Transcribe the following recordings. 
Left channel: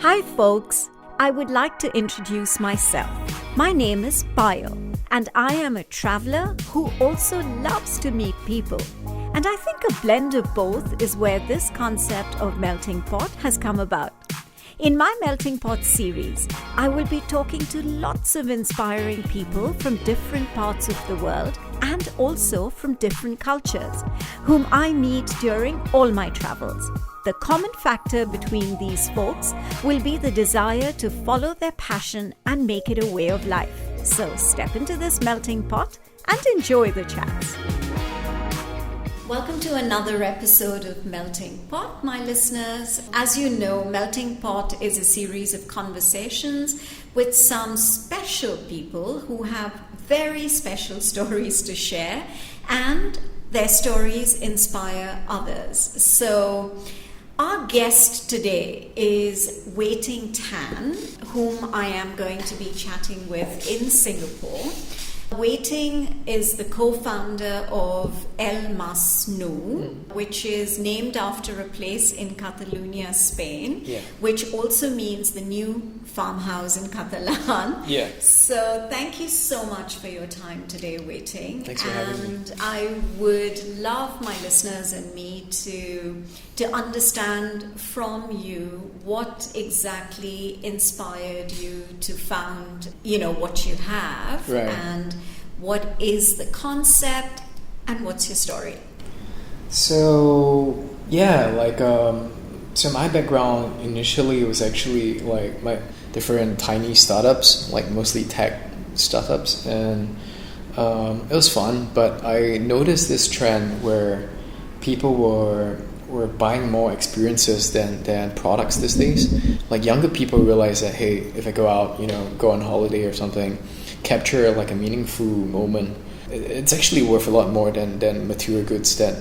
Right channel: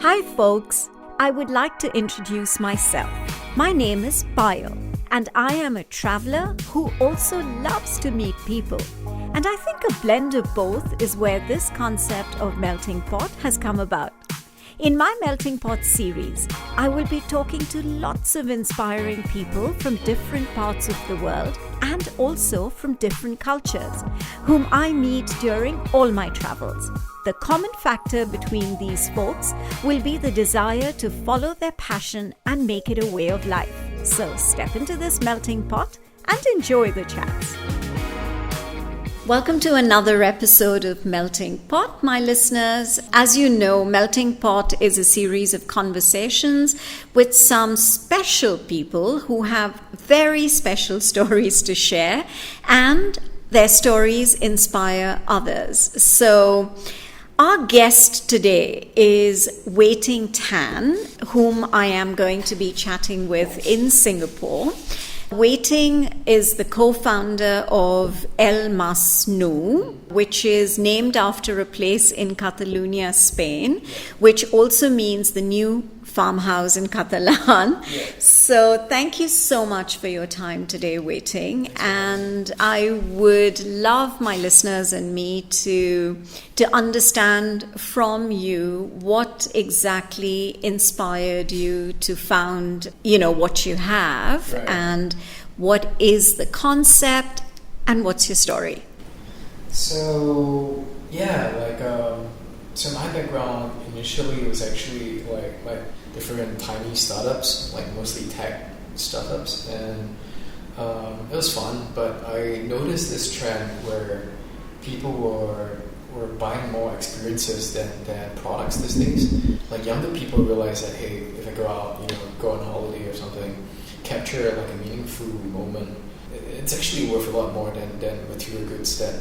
Hi folks, I would like to introduce myself. My name is Payal and I am a traveler who also loves to meet people. And I think a blend of both is where this concept of melting pot has come about. In my Melting Pot series, I will be talking to lots of inspiring people from different parts of the world and also from different cultures, whom I meet during all my travels. The common factor between these folks will be the desire to follow their passion and make it a way of life. So step into this melting pot and enjoy the chats. Welcome to another episode of Melting Pot, my listeners. As you know, Melting Pot is a series of conversations with some special people who have very special stories to share, and their stories inspire others. So our guest today is Weiting Tan, whom I am going to be chatting with in Singapore. Weiting is the co-founder of Masnou, which is named after a place in Catalonia, Spain, which also means the new farmhouse in Catalan. So thank you so much for your time today, Weiting. And I would love my listeners and me to understand from you what exactly inspired you to found, what you have, and what is the concept and what's your story? So so my background initially was actually like my different tiny startups, like mostly tech startups, and it was fun. But I noticed this trend where people were buying more experiences than products these days. Like younger people realize that, hey, if I go out, go on holiday or something, capture like a meaningful moment, it's actually worth a lot more than material goods that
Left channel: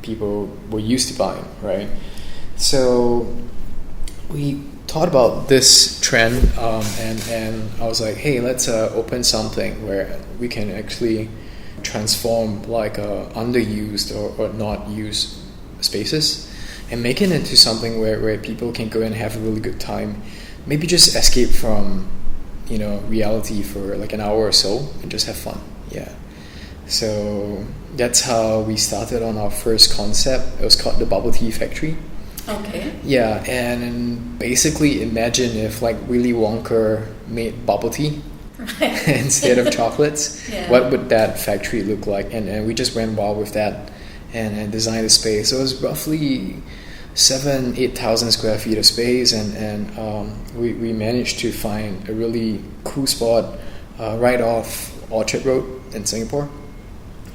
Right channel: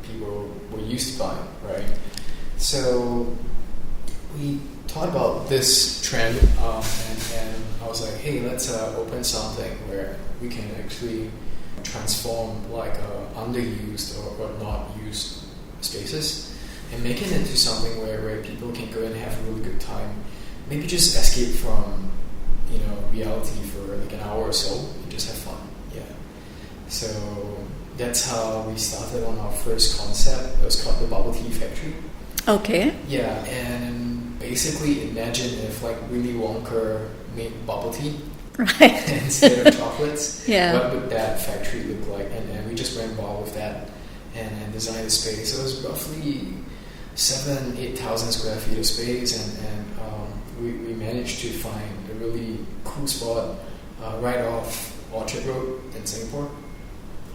people were used to buying, right? So we thought about this trend, and I was like, hey, let's open something where we can actually transform like underused or not used spaces and make it into something where people can go and have a really good time, maybe just escape from reality for like an hour or so and just have fun. So that's how we started on our first concept. It was called the Bubble Tea Factory. Okay. Yeah, and basically imagine if like Willy Wonka made bubble tea instead of chocolates. What would that factory look like? And we just went wild with that and designed a space. So it was roughly 8,000 square feet of space, and we managed to find a really cool spot right off Orchard Road in Singapore.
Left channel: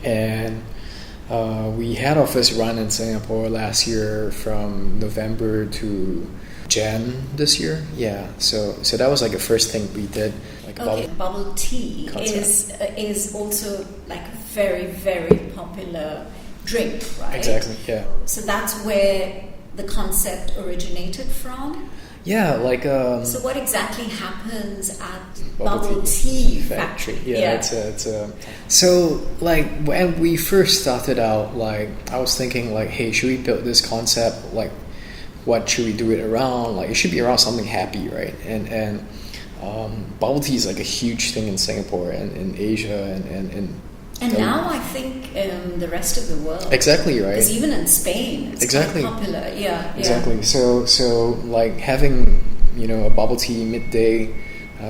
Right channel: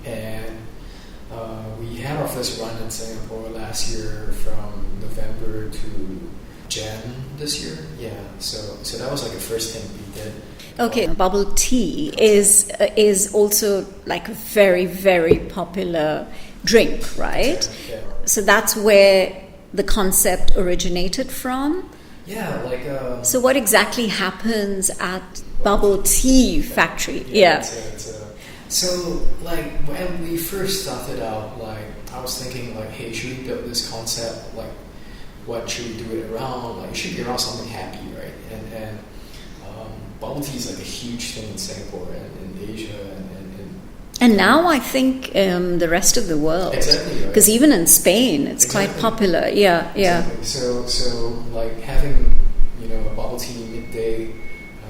And we had our first run in Singapore last year from November to Jan this year. So that was like the first thing we did. Bubble tea is also like a very, very popular drink, right? Exactly, yeah. So that's where the concept originated from? So what exactly happens at Bubble Tea Factory? So like when we first started out, like I was thinking like, hey, should we build this concept? Like, what should we do it around? Like, it should be around something happy, right? And bubble tea is like a huge thing in Singapore and in Asia and now I think the rest of the world. Exactly, right. Because even in Spain, it's quite popular. Exactly. So like having a bubble tea midday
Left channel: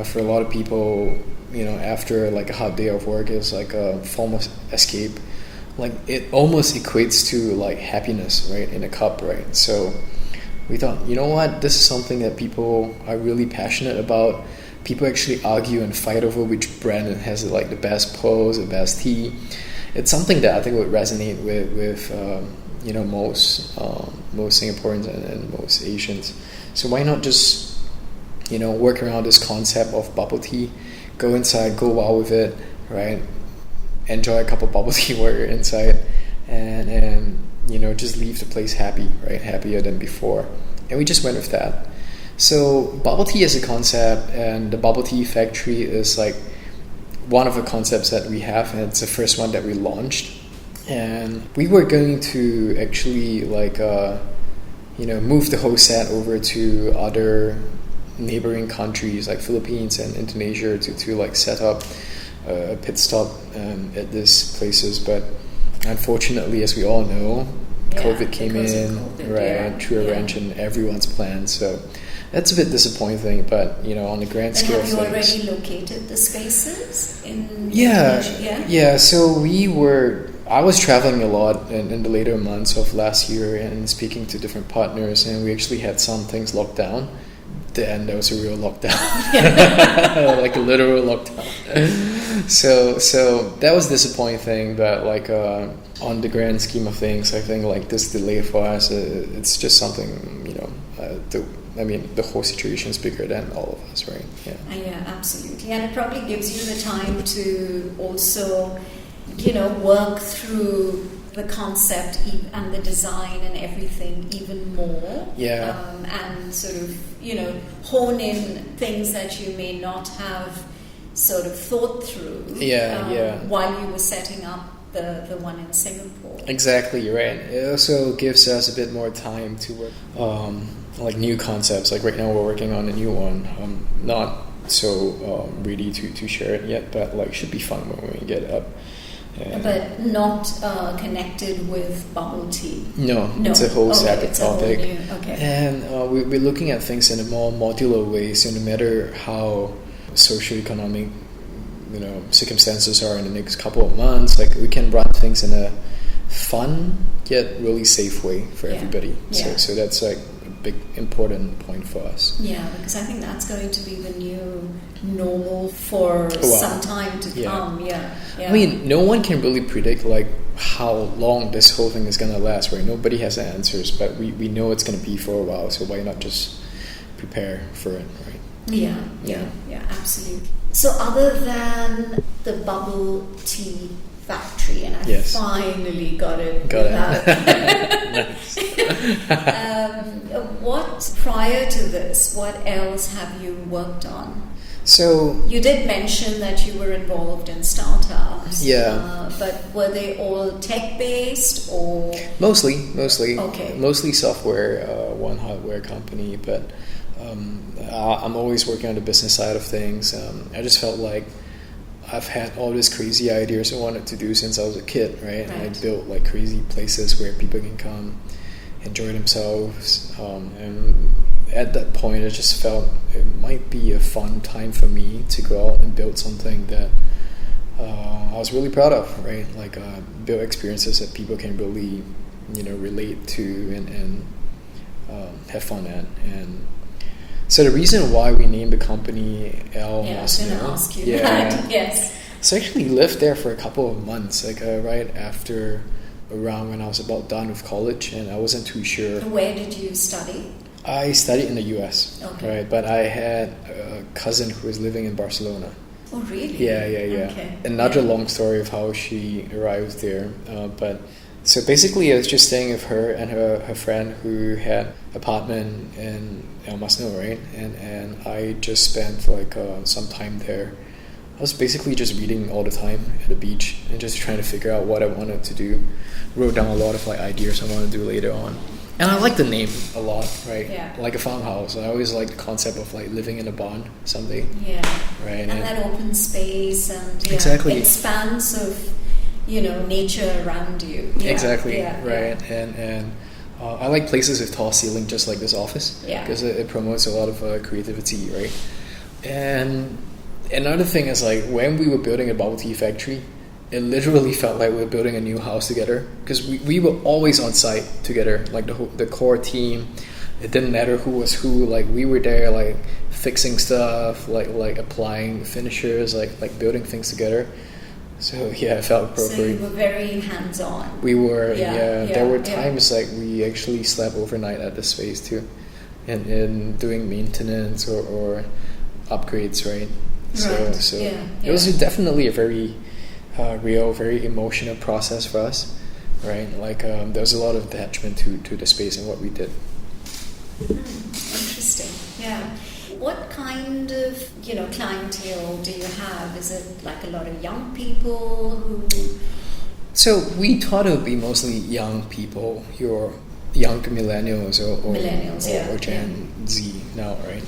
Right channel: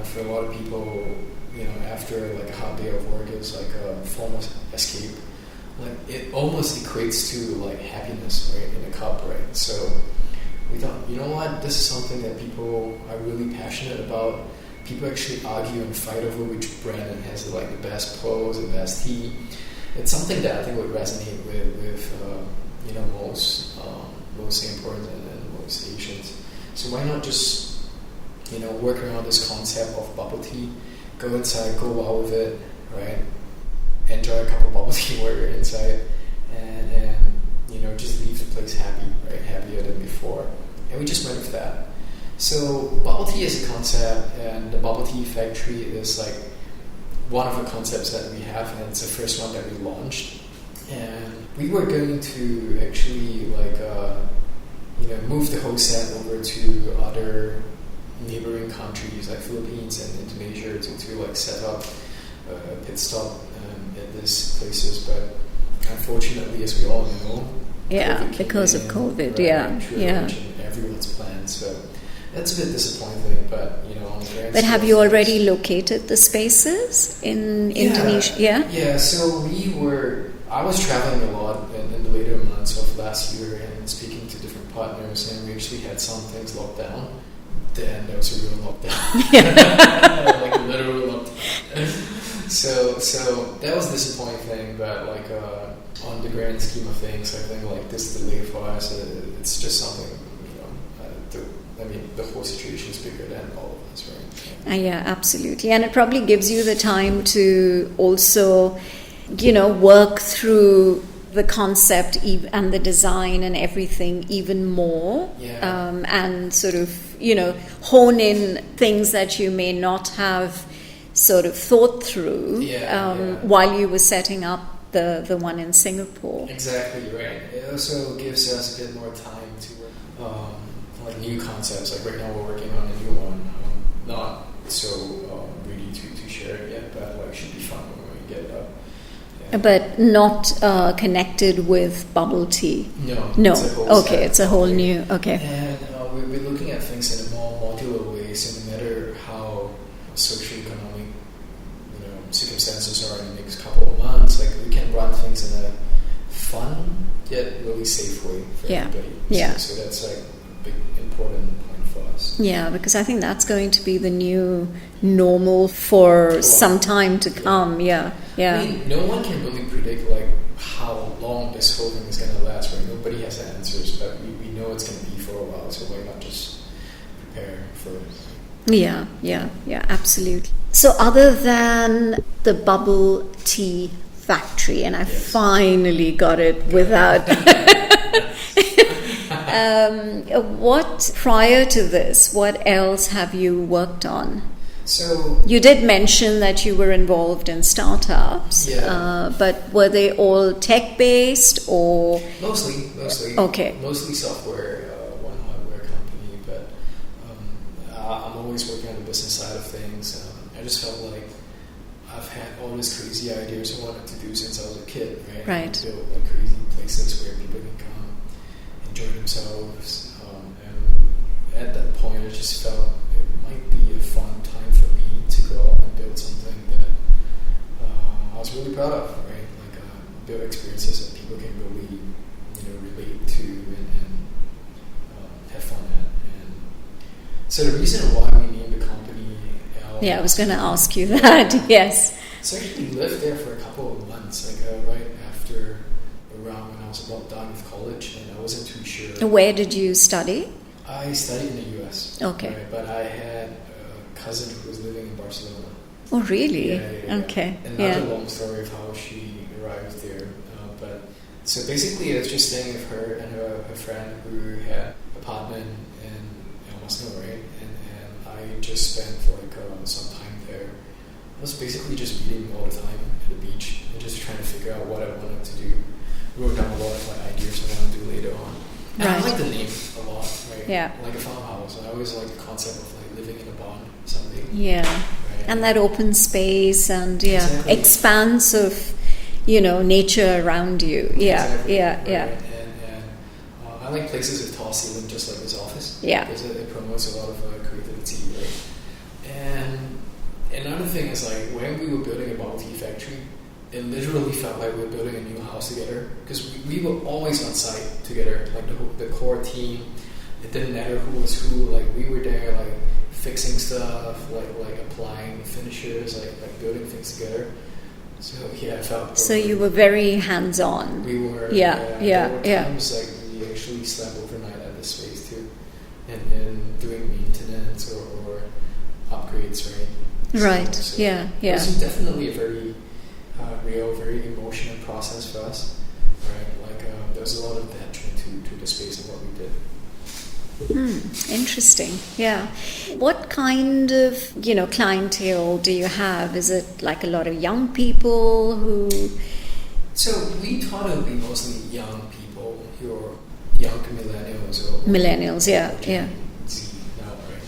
for a lot of people, after like a hot day of work is like a form of escape. Like it almost equates to like happiness, right, in a cup, right? So we thought, you know what, this is something that people are really passionate about. People actually argue and fight over which brand has like the best pearls, the best tea. It's something that I think would resonate with most Singaporeans and most Asians. So why not just work around this concept of bubble tea, go inside, go wild with it, right? Enjoy a cup of bubble tea while you're inside, and just leave the place happy, right? Happier than before. And we just went with that. So bubble tea is a concept, and the Bubble Tea Factory is like one of the concepts that we have, and it's the first one that we launched. And we were going to actually move the whole set over to other neighboring countries like Philippines and Indonesia to like set up a pit stop at these places. But unfortunately, as we all know, COVID came because in, of COVID, right, and threw a wrench in everyone's plans. So that's a bit disappointing, but on the grand scale. But have you already located the spaces in Indonesia? Yeah. So I was traveling a lot in the later months of last year and speaking to different partners, and we actually had some things locked down. Then there was a real lockdown, like a literal lockdown. So that was a disappointing thing, but like on the grand scheme of things, I think like this delay for us, it's just something, the whole situation is bigger than all of us, right? Yeah, absolutely. And it probably gives you the time to also, work through the concept and the design and everything even more. And sort of, hone in things that you may not have sort of thought through while you were setting up the one in Singapore. Exactly, you're right. It also gives us a bit more time to work like new concepts. Like right now we're working on a new one. Not so ready to share it yet, but like should be fun when we get it up. But not connected with bubble tea. No. It's a whole it's a whole new. Okay. And we're looking at things in a more modular way. So no matter how socioeconomic, circumstances are in the next couple of months, like we can run things in a fun yet really safe way for everybody. So that's like a big important point for us. Yeah, because I think that's going to be the new normal for some time to come. Yeah. I mean, no one can really predict like how long this whole thing is going to last, right? Nobody has the answers, but we know it's going to be for a while, so why not just prepare for it, right? Yeah, absolutely. So other than the bubble tea factory, and I finally got it without... what, prior to this, what else have you worked on? So you did mention that you were involved in startups. But were they all tech-based or? Mostly. Okay. Mostly software, one hardware company, but I'm always working on the business side of things. I just felt like I've had all these crazy ideas I wanted to do since I was a kid, right? And I built like crazy places where people can come, enjoy themselves, and at that point I just felt it might be a fun time for me to go out and build something that I was really proud of, right? Like build experiences that people can really, relate to and have fun at. And so the reason why we named the company I was going to ask you that. Yes. So I actually lived there for a couple of months, like right after around when I was about done with college, and I wasn't too sure. Where did you study? I studied in the US. Okay. Right, but I had a cousin who was living in Barcelona. Oh, really? Yeah. Okay. Another long story of how she arrived there. But so basically, I was just staying with her and her friend who had an apartment in Masnou, right? And I just spent like some time there. I was basically just reading all the time at the beach and just trying to figure out what I wanted to do. Wrote down a lot of like ideas I want to do later on. And I like the name a lot, right? Yeah. Like a farmhouse. I always like the concept of like living in a barn someday. Yeah. Right. And that open space and expanse of, nature around you. Yeah. Exactly. Yeah. Right. And I like places with tall ceiling, just like this office. Yeah. Because it promotes a lot of creativity, right? And another thing is like when we were building a bubble tea factory, it literally felt like we were building a new house together because we were always on site together, like the core team. It didn't matter who was who. Like we were there, like fixing stuff, like applying finishers, like building things together. So it felt appropriate. So you were very hands-on. We were. There were times like we actually slept overnight at the space too, and doing maintenance or upgrades, right? Right. So it was definitely a very real, very emotional process for us, right? Like there was a lot of attachment to the space and what we did. Interesting. Yeah. What kind of clientele do you have? Is it like a lot of young people who? So we thought it would be mostly young people. Your young millennials or Gen yeah. Z now, right?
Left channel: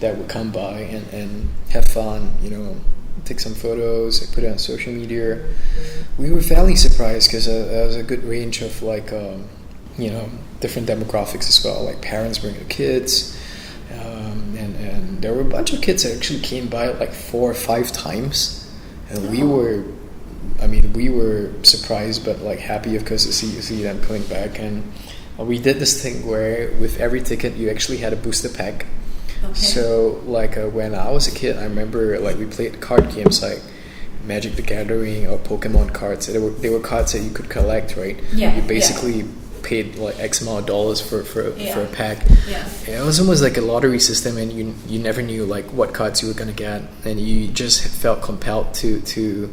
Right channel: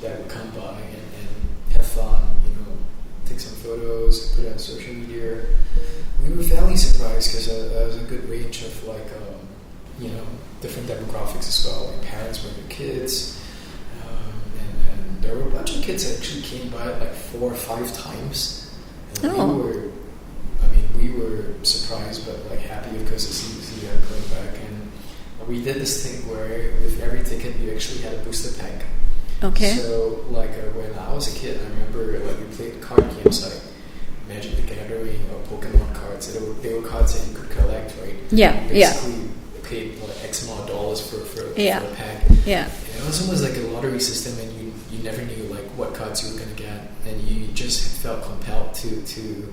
That would come by and have fun, take some photos, put it on social media. We were fairly surprised because there was a good range of different demographics as well, like parents bringing kids, and there were a bunch of kids that actually came by like 4 or 5 times, and we were surprised but like happy of course to see them coming back. And we did this thing where with every ticket you actually had a booster pack. Okay. So when I was a kid, I remember like we played card games like Magic the Gathering or Pokemon cards. They were cards that you could collect, right? Yeah. You basically paid like X amount of dollars for a pack. Yeah. And it was almost like a lottery system, and you never knew like what cards you were gonna get, and you just felt compelled to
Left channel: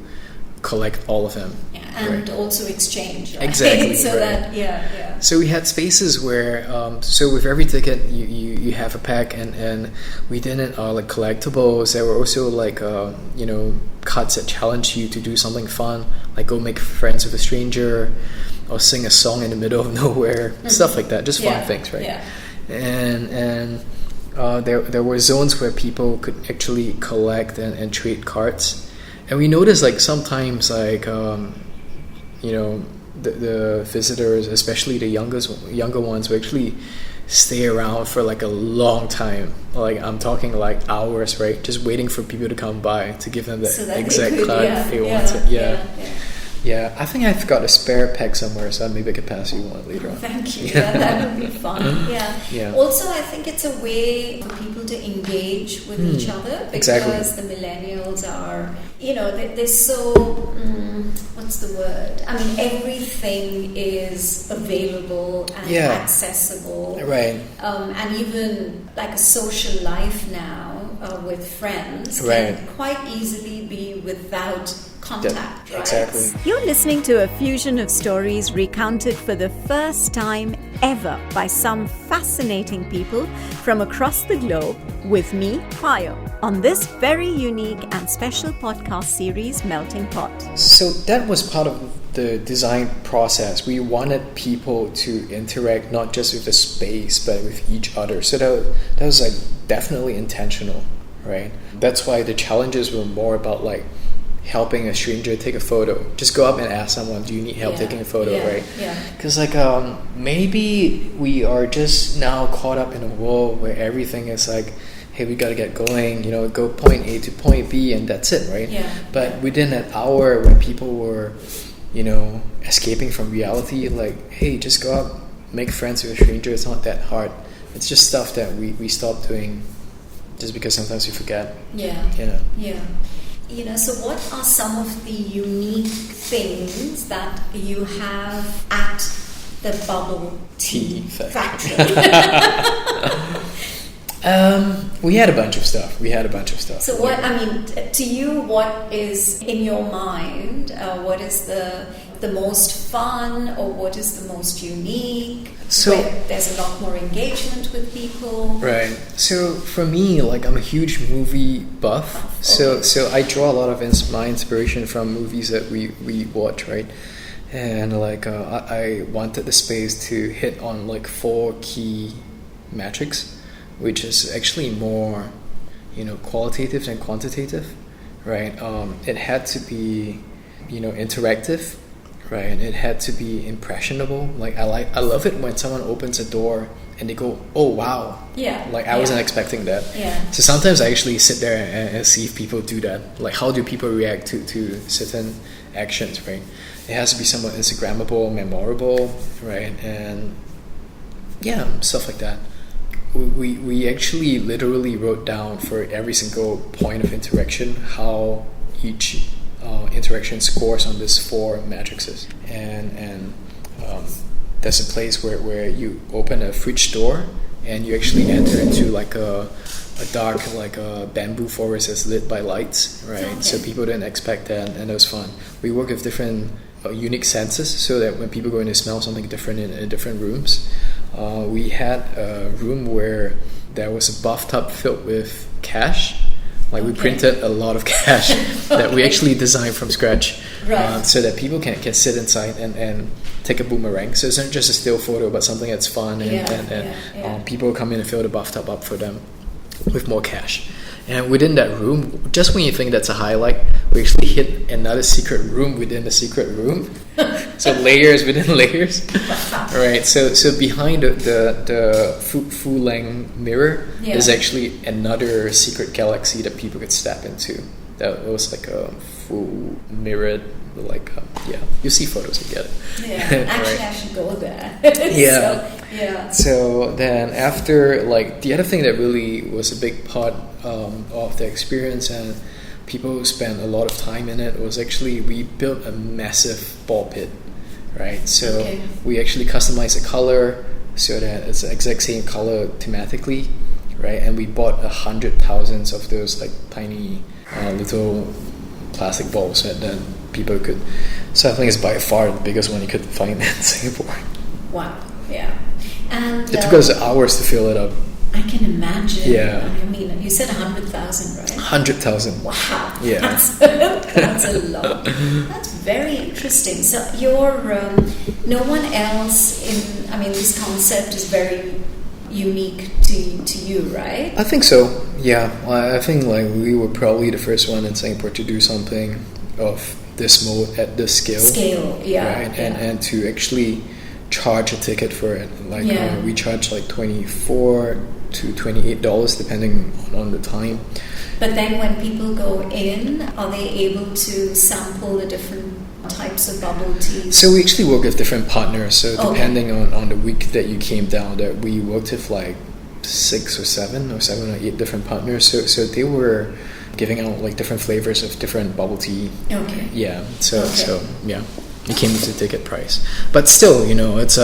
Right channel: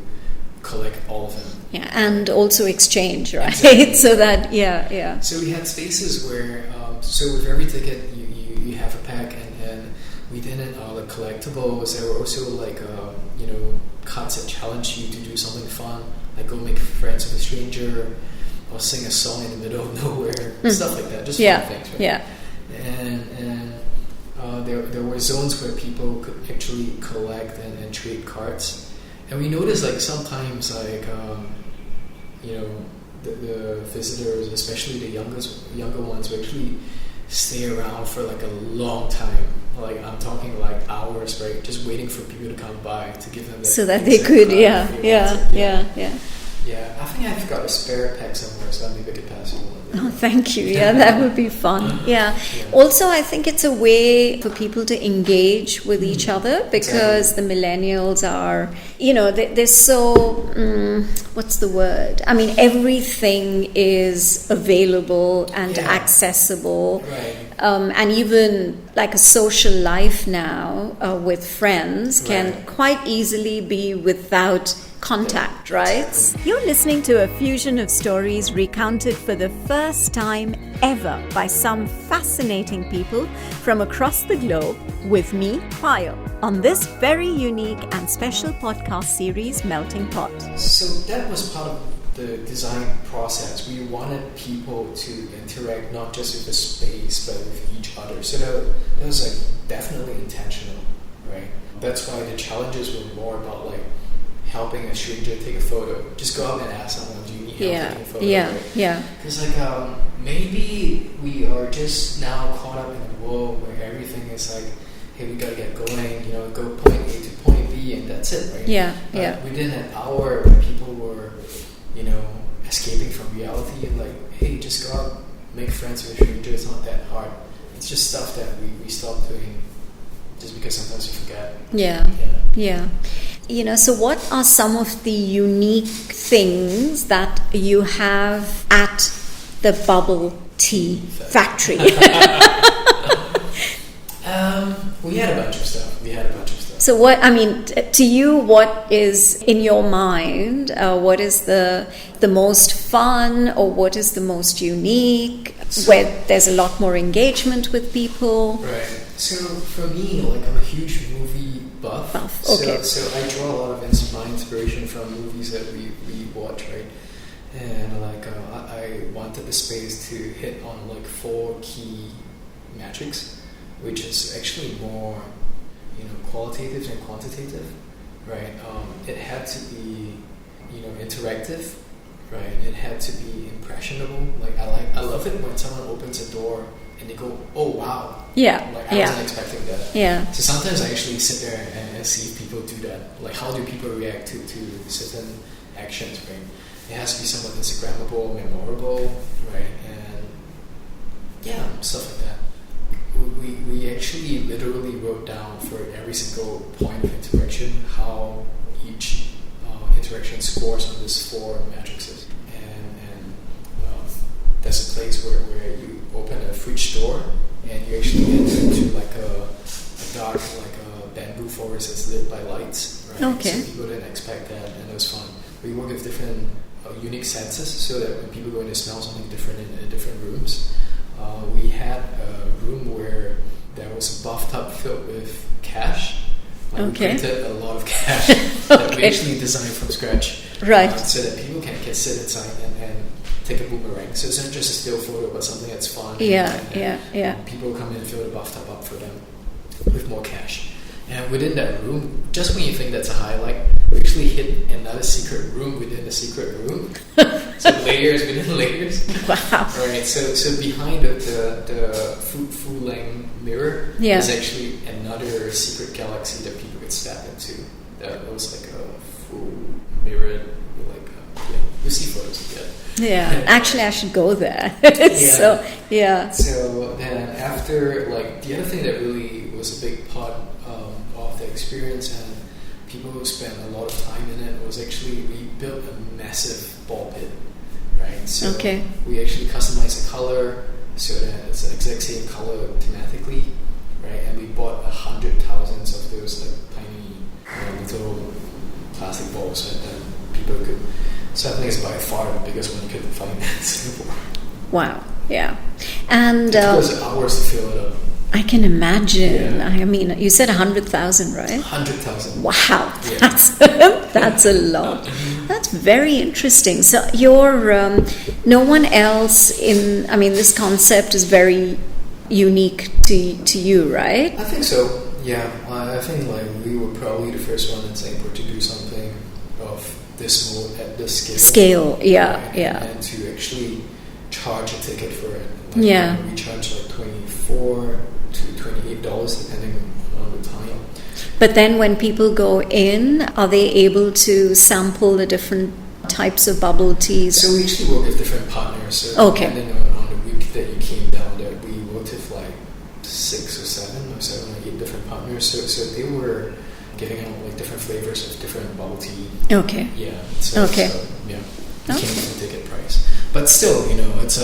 collect all of them. Yeah, and right? Also exchange, right? Exactly. So right. that So we had spaces where so with every ticket you have a pack, and we didn't like collectibles. There were also like cards that challenge you to do something fun, like go make friends with a stranger or sing a song in the middle of nowhere, stuff like that, just fun things, right? Yeah. And there were zones where people could actually collect and trade cards. And we noticed like sometimes like the visitors, especially the younger ones, would actually stay around for like a long time. Like I'm talking like hours, right? Just waiting for people to come by to give them that so that exact they could card. Yeah, I think I've got a spare pack somewhere, so maybe I could pass you one later. Oh, thank you. Yeah, that would be fun. Yeah. Also, I think it's a way for people to engage with each other, because the millennials are, they're so, what's the word? I mean, everything is available and accessible. Right. And even like a social life now with friends can quite easily be without contact, right? Exactly. You're listening to a fusion of stories recounted for the first time ever by some fascinating people from across the globe with me, Payal, on this very unique and special podcast series, Melting Pot. So that was part of the design process. We wanted people to interact not just with the space but with each other. So that was like definitely intentional, right? That's why the challenges were more about like helping a stranger take a photo. Just go up and ask someone, do you need help taking a photo, right? Yeah. Because like maybe we are just now caught up in a world where everything is like, hey, we gotta get going, go point A to point B and that's it, right? Yeah. But within that hour when people were, escaping from reality, like, hey, just go up, make friends with a stranger, it's not that hard. It's just stuff that we stopped doing just because sometimes we forget. Yeah. So what are some of the unique things that you have at the bubble tea factory? We had a bunch of stuff. So what, to you, what is in your mind, what is the most fun, or what is the most unique, where there's a lot more engagement with people? Right. So for me, like I'm a huge movie buff. Okay. So I draw a lot of my inspiration from movies that we watch, right? And like I wanted the space to hit on like 4 key metrics, which is actually more, qualitative than quantitative, right? It had to be, interactive, right? It had to be impressionable. Like I love it when someone opens a door and they go, "Oh wow!" Yeah. Like I wasn't expecting that. Yeah. So sometimes I actually sit there and see if people do that. Like how do people react to certain actions, right? It has to be somewhat Instagrammable, memorable, right? And stuff like that. We actually literally wrote down for every single point of interaction how each interaction scores on these 4 matrices, and there's a place where you open a fridge door and you actually enter into like a dark like a bamboo forest that's lit by lights, right? Okay. So people didn't expect that, and it was fun. We work with different unique senses so that when people go in, they smell something different in different rooms. We had a room where there was a bathtub filled with cash. Like we printed a lot of cash that we actually designed from scratch, right? So that people can sit inside and take a boomerang. So it's not just a still photo, but something that's fun. And people come in and fill the bathtub up for them with more cash. And within that room, just when you think that's a highlight, we actually hit another secret room within the secret room. So layers within layers. Wow. Right. So behind the full length mirror is actually another secret galaxy that people could step into. That was like a full mirrored, like you see photos again. Yeah, actually, right. I should go there. So then after, like, the other thing that really was a big part of the experience, and people spent a lot of time in it, was actually we built a massive ball pit, right? So we actually customized the color so that it's the exact same color thematically, right? And we bought 100,000 of those like tiny little plastic balls that people could. So I think it's by far the biggest one you could find in Singapore. Wow. Yeah. And it took us hours to fill it up. I can imagine. Yeah. I mean, you said 100,000, right? 100,000. Wow. Yeah. That's a lot. That's very interesting. So you're no one else this concept is very unique to you, right? I think so. Yeah. I think like we were probably the first one in Singapore to do something of this mode at this scale. Right? And to actually charge a ticket for it. Like we charge like $24 to $28 depending on the time. But then when people go in, are they able to sample the different types of bubble teas? So we actually work with different partners. So depending on the week that you came down, that we worked with like 6 or 7 or 8 different partners. So they were giving out like different flavors of different bubble tea. Okay. Yeah. So yeah, it came with a ticket price. But still, it's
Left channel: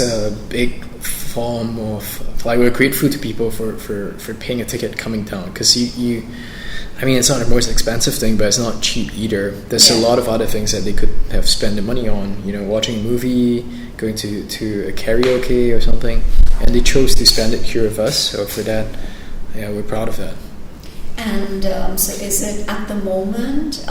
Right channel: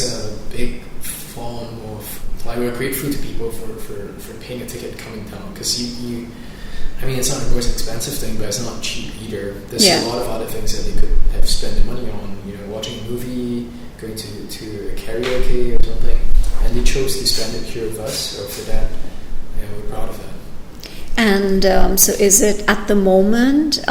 a big form of, like, we're grateful to people for paying a ticket coming down, because you it's not the most expensive thing, but it's not cheap either. There's a lot of other things that they could have spent the money on, watching a movie, going to a karaoke or something, and they chose to spend it here with us. So for that, we're proud of that. And so is it at the moment,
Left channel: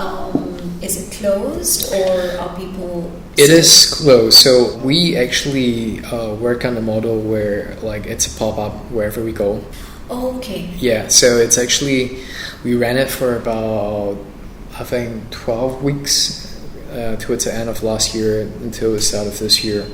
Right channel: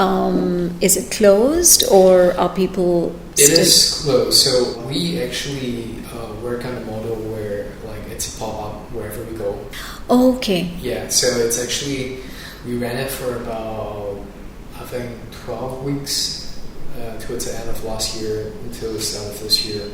is it closed, or are people It is closed. So we actually work on the model where, like, it's a pop-up wherever we go. Okay. Yeah, so it's actually, we ran it for about, I think, 12 weeks towards the end of last year until the start of this year.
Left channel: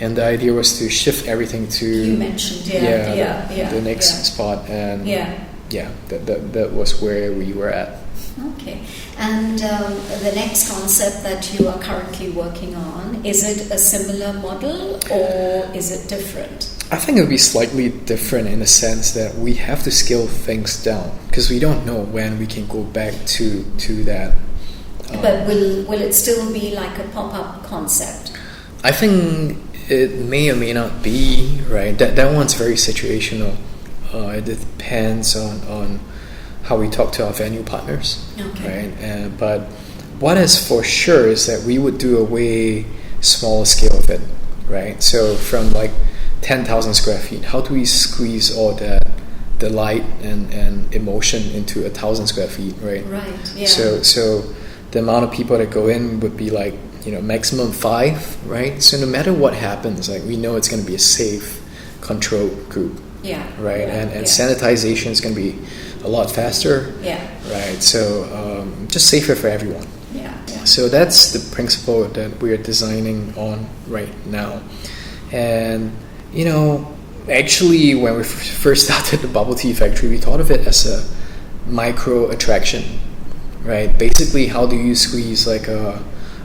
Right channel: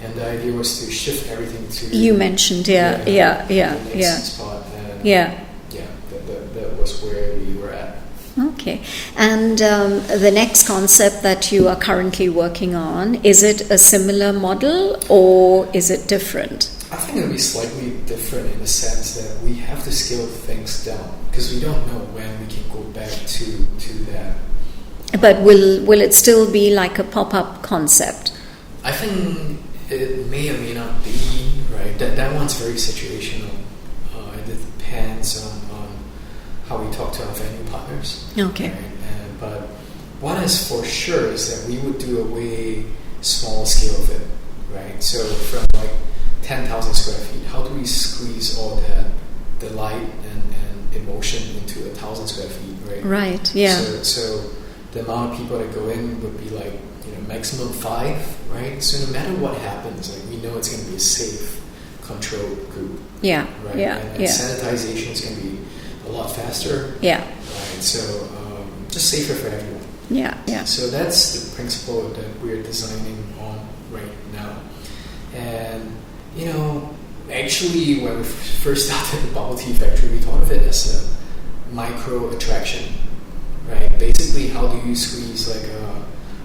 And the idea was to shift everything to... You mentioned, the next spot. And that was where we were at. Okay. And the next concept that you are currently working on, is it a similar model or is it different? I think it would be slightly different in the sense that we have to scale things down, because we don't know when we can go back to that. But will it still be like a pop-up concept? I think it may or may not be, right? That one's very situational. It depends on how we talk to our venue partners. Okay. Right? But what is for sure is that we would do a way smaller scale of it, right? So from like 10,000 square feet, how do we squeeze all that, the light and emotion into 1,000 square feet, right? Right, yeah. So the amount of people that go in would be like, maximum 5, right? So no matter what happens, like, we know it's going to be a safe, controlled group. Yeah. Right? And sanitization is going to be a lot faster. Yeah. Right. So just safer for everyone. Yeah. So that's the principle that we're designing on right now. And, actually when we first started the bubble tea factory, we thought of it as a micro attraction, right? Basically, how do you squeeze like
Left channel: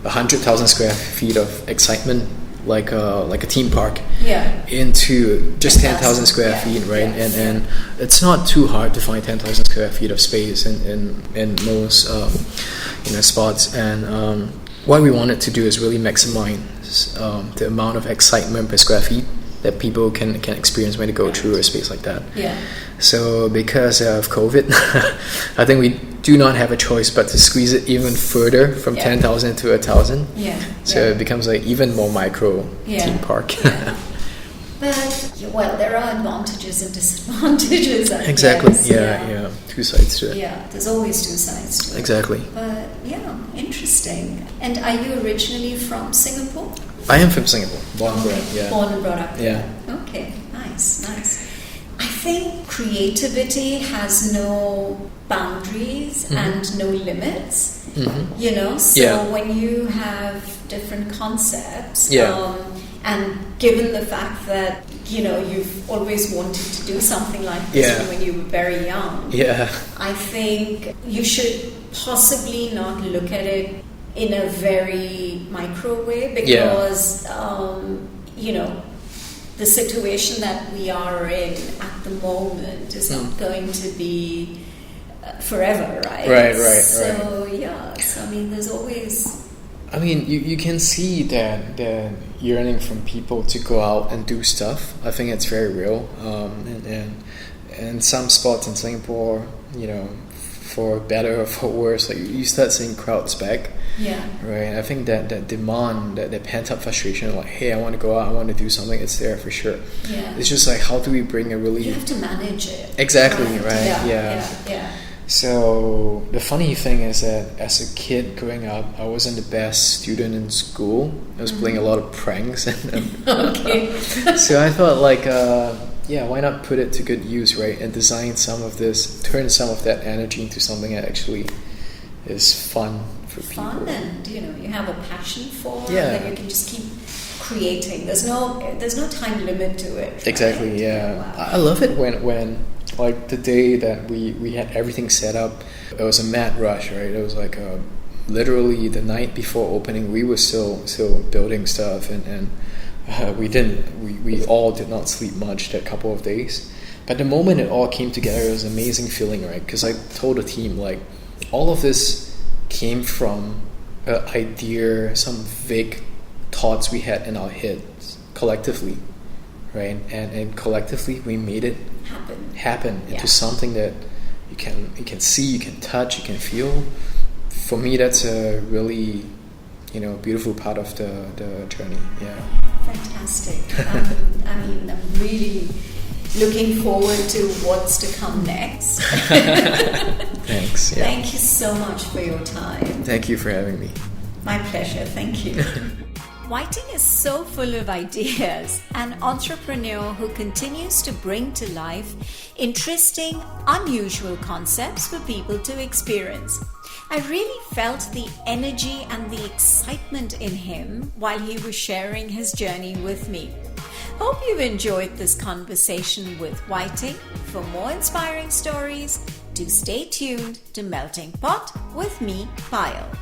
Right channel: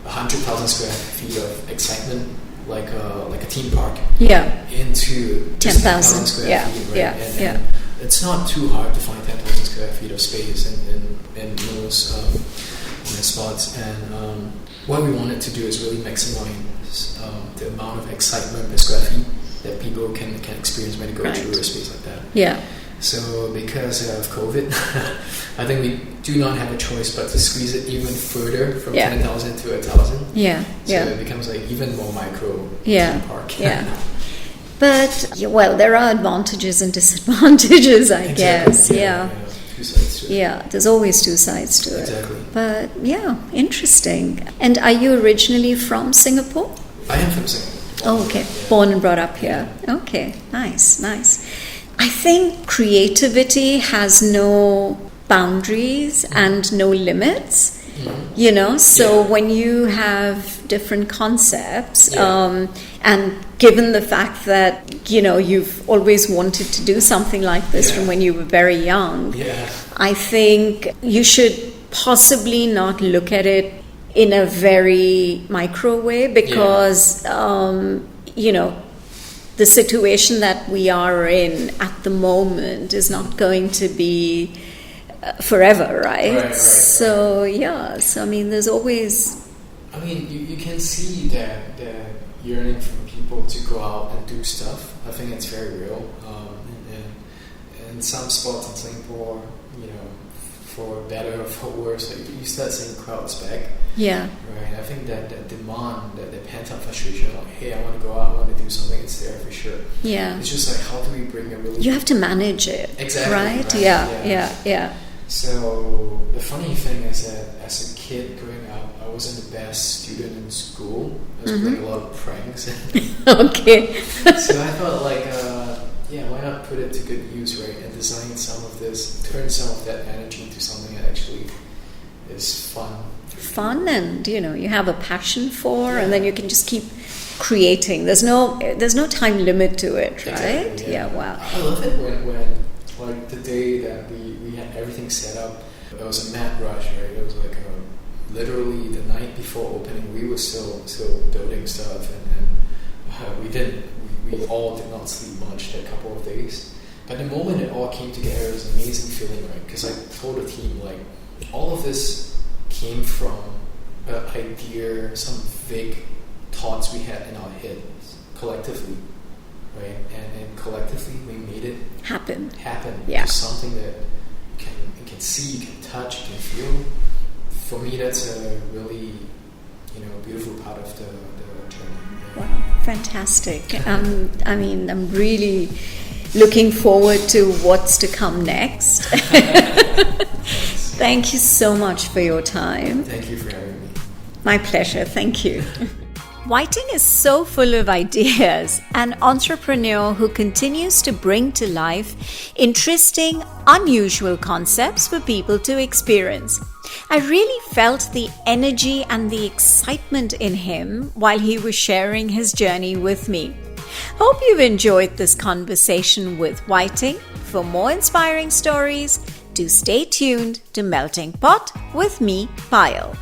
100,000 square feet of excitement, like a theme park, into just 10,000 square feet, right? And it's not too hard to find 10,000 square feet of space in most spots. And what we wanted to do is really maximize the amount of excitement per square feet that people can experience when they go through a space like that. Yeah. So because of COVID, I think we do not have a choice but to squeeze it even further from 10,000 to 1,000. Yeah. So it becomes like even more micro theme park. Yeah. But, there are advantages and disadvantages, I guess. Yeah. two sides to it. Yeah, there's always two sides to it. Exactly. But yeah, interesting. And are you originally from Singapore? I am from Singapore. Born and brought up here. Yeah. Okay, nice. I think creativity has no boundaries and no limits. So when you have different concepts, and given the fact that you've always wanted to do something like this from when you were very young, I think you should possibly not look at it in a very micro way, because the situation that we are in at the moment is not going to be forever, right? So I mean, there's always... I mean, you can see that yearning from people to go out and do stuff. I think it's very real. And some spots in Singapore, for better or for worse, like you start seeing crowds back. Yeah. Right. I think that demand, that pent up frustration, like, hey, I want to go out, I want to do something, it's there for sure. Yeah. It's just like, how do we bring a really... You have to manage it. Exactly. Right. Yeah. So the funny thing is that as a kid growing up, I wasn't the best student in school. I was playing a lot of pranks. Okay. So I thought, like, why not put it to good use, right? And design some of this, turn some of that energy into something that actually is fun for people. And you have a passion for, and then you can just keep creating. There's no time limit to it, right? Exactly. Yeah. Wow. I love it when like the day that we had everything set up, it was a mad rush, right? It was like literally the night before opening, we were still building stuff, and we all did not sleep much that couple of days. But the moment it all came together, it was an amazing feeling, right? Because I told the team, like, all of this came from an idea, some vague thoughts we had in our heads collectively, right? And collectively we made it happen into something that you can see, you can touch, you can feel. For me, that's a really beautiful part of the journey. Yeah. Wow, fantastic. I'm really looking forward to what's to come next. Thanks. Yeah. Thank you so much for your time. Thank you for having me. My pleasure. Thank you. Weiting is so full of ideas, an entrepreneur who continues to bring to life interesting, unusual concepts for people to experience. I really felt the energy and the excitement in him while he was sharing his journey with me. Hope you've enjoyed this conversation with Weiting. For more inspiring stories, do stay tuned to Melting Pot with me, Payal.